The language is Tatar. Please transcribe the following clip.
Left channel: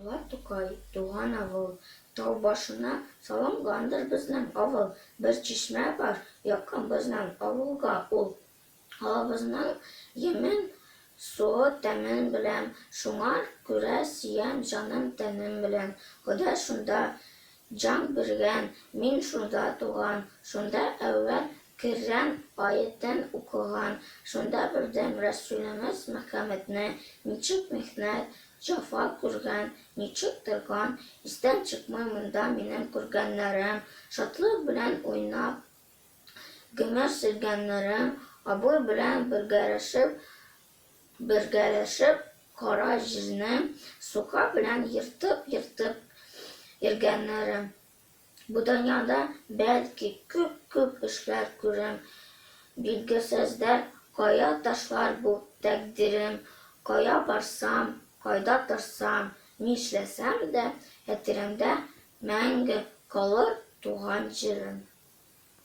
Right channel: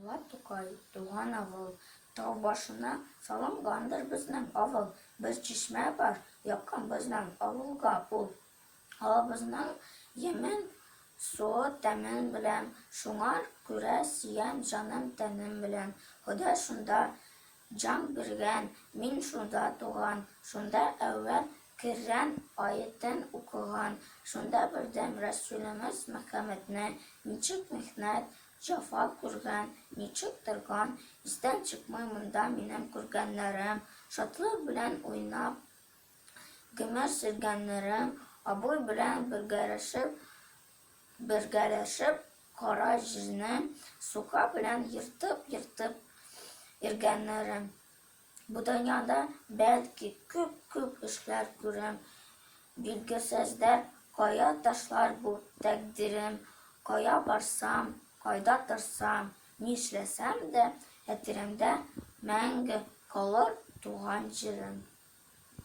Ала Тукай, туган авыл, тау башына салынгандыр безнең авыл. Бер чишмә бар, якын безнең авылга ул. Авылыбызның емен, суы тәмен белән, шуңар күрә сөям җаным тәнем белән. Ходай шунда җан биргән, мин шунда туган, шунда әүвәл Коръән аятен укыган, шунда белдем Рәсүлебез Мөхәммәдне, ничек михнәт, җәфа күргән, ничек торган, истән чыкмый монда минем күргәннәрем, шатлык белән уйнап гомер сөргәннәрем, абый белән бергәләшеп кара җирне сука белән ертып йөргәннәрем. Бу дөньяда, бәлки, күп эшләр күрәм, билгесездер, кая ташлар бу тәкъдирем, кая барсам, кайда торсам, нишләсәм дә, хәтеремдә мәңге калыр туган җирем.